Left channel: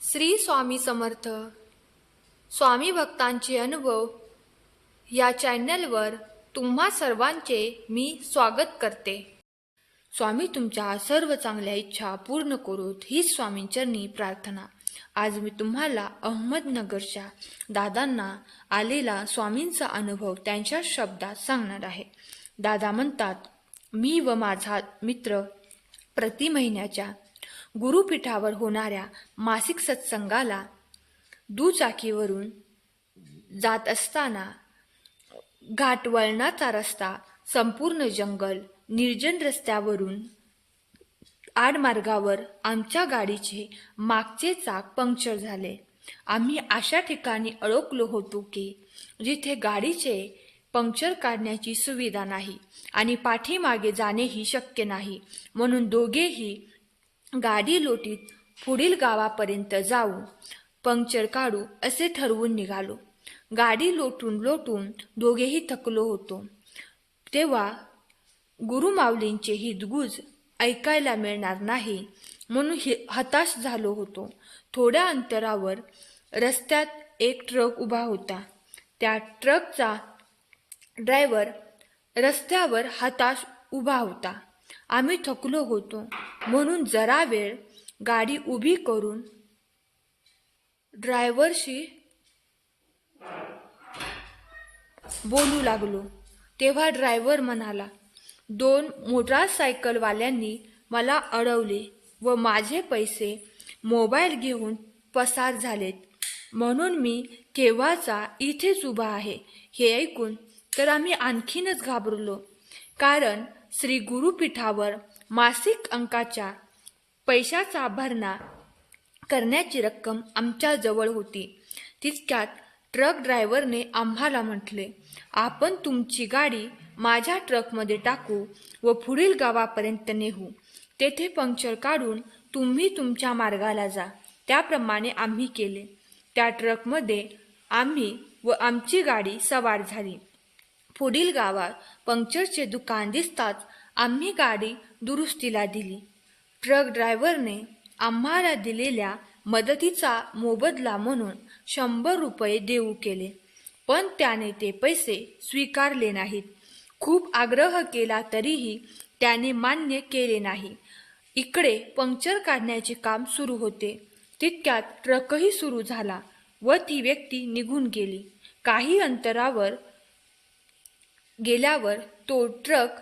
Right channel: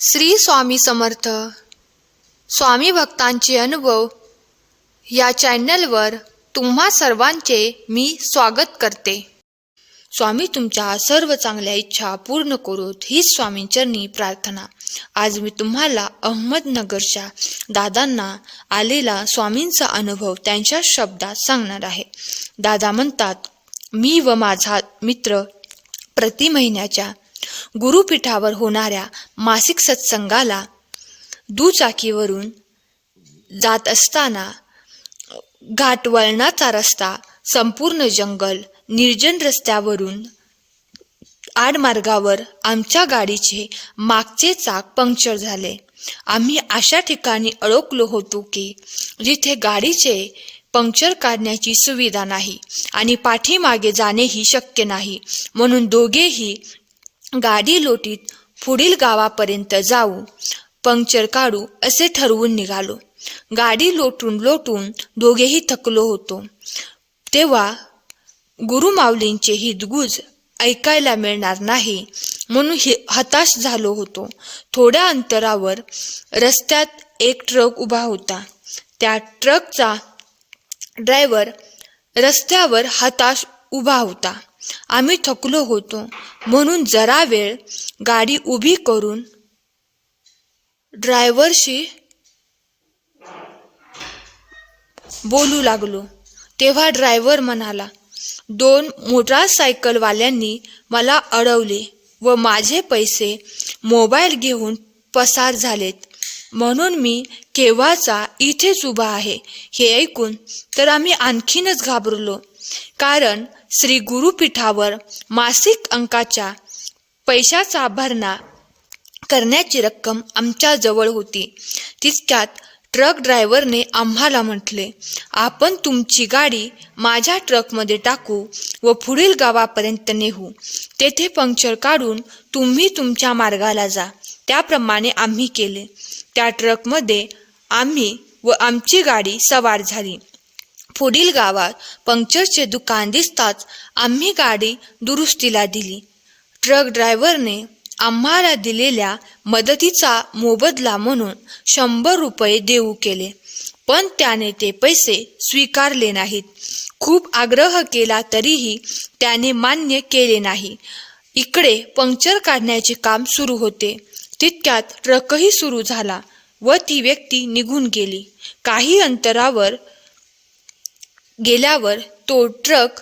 श्री स्वामी समर्थ स्वामी भक्तांचे अनुभव या चॅनलवर तुम्हा सर्वांचे मी स्वागत करते। स्वामी तुमच्या सर्व चांगल्या इच्छा पूर्ण करोत हीच स्वामींचरणी प्रार्थना। आज मी तुम्हाला अहमदनगरच्या दादांना आलेला स्वामींचा अनुभव त्यांच्या शब्दात सांगणार आहे। दादा म्हणतात, मी व माझा मित्र प्रति महिन्याच्या गुरुपीठावर होणाऱ्या मासिक सत्संगाला दुचाकीवरून जात असताना घाटवळणाचा रस्ता, संपूर्ण जंगल, निर्जन रस्त्यावरून आडमार्गावर आमच्या गाडीचे मागचे चाक पंक्चर झाले। आम्ही अशा ठिकाणी अडकलो होतो की जिथे गाडीचे पंक्चर काढण्याची सुविधा नाही आणि पाठीमागे जाणेही शक्य नाही। म्हणून दोघेही गाडी लोटीत पुढील गावापर्यंत जाऊ, पंक्चर काढू असे ठरवून निघालो। गाडी लोटून दोघेही थकलो होतो। तेव्हा गुरुमाऊलींचे हितगुज ऐकायला मिळणार नाही म्हणून हताश झालो होतो। थोड्या अंतरावर रस्त्यात एक ट्रक उभा होता। त्या ट्रकचा ड्रायव्हर रस्त्यावर हताश उभा होता। आम्ही थकलो होतो म्हणून जरा वेळ गाडी उभी करून ड्रायव्हरशी बोलू लागलो। तेव्हा ड्रायव्हर म्हणाला, 2 मोटारसायकलवाल्यांनी मला अडवले व माझे पैसे, मोबाईल घेऊन पसार झालेत, म्हणून मी केव्हाचा इथेच उभा आहे। हे ऐकून तर आम्ही आणखीनच घाबरलो, कारण श्री गुरुपीठावर मासिक अंकाच्या पैशाचा भरणा करण्याची रक्कम आमच्या जवळ होती। तितक्यात ट्रक ड्रायव्हरने आम्हाला म्हटले, आपण तुमची गाडी माझ्या ट्रकमध्ये टाकू व पुढील गावापर्यंत नेऊ, तेथे पंक्चर काढून तुम्ही तुमच्या मार्गाला जा। त्याप्रमाणे आम्ही केले। त्या ट्रकमध्ये आम्ही व आमची गाडी सवार झाली। पुढील गावात पंक्चरचे दुकान दिसताच आम्ही गाडी दुरुस्तीला दिली। ट्रक ड्रायव्हरने आम्हाला दिलेल्या मदतीचा मोबदला म्हणून 100 रुपये देऊ केले, पण त्याने ते पैसे स्वीकारले नाहीत। खूप आग्रह केला तरीही त्याने मान्य केले नाही। इकडे पंक्चर काढण्याचे काम सुरू होते, तितक्यात ट्रकही सुरू झाला व ती व्यक्ती निघून गेली। काही अंतरावर गेल्यावर तो ट्रक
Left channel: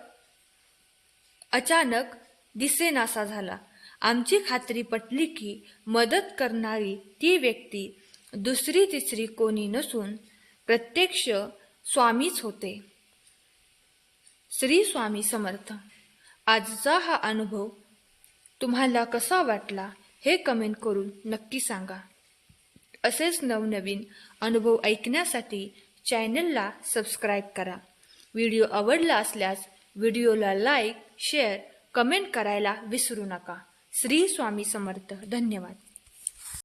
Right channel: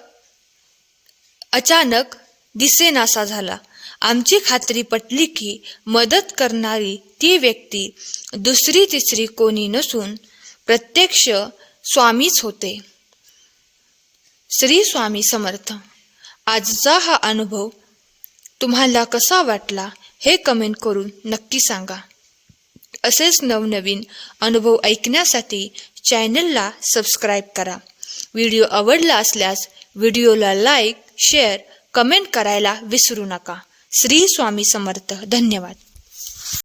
अचानक दिसेनासा झाला। आमची खात्री पटली की मदत करणारी ती व्यक्ती दुसरी तिसरी कोणी नसून प्रत्यक्ष स्वामीच होते। श्री स्वामी समर्थ। आजचा हा अनुभव तुम्हाला कसा वाटला हे कमेंट करून नक्की सांगा। असेच नवनवीन अनुभव ऐकण्यासाठी चॅनलला सबस्क्राईब करा। व्हिडिओ आवडला असल्यास व्हिडिओला लाईक, शेअर, कमेंट करायला विसरू नका। श्री स्वामी समर्थ। धन्यवाद।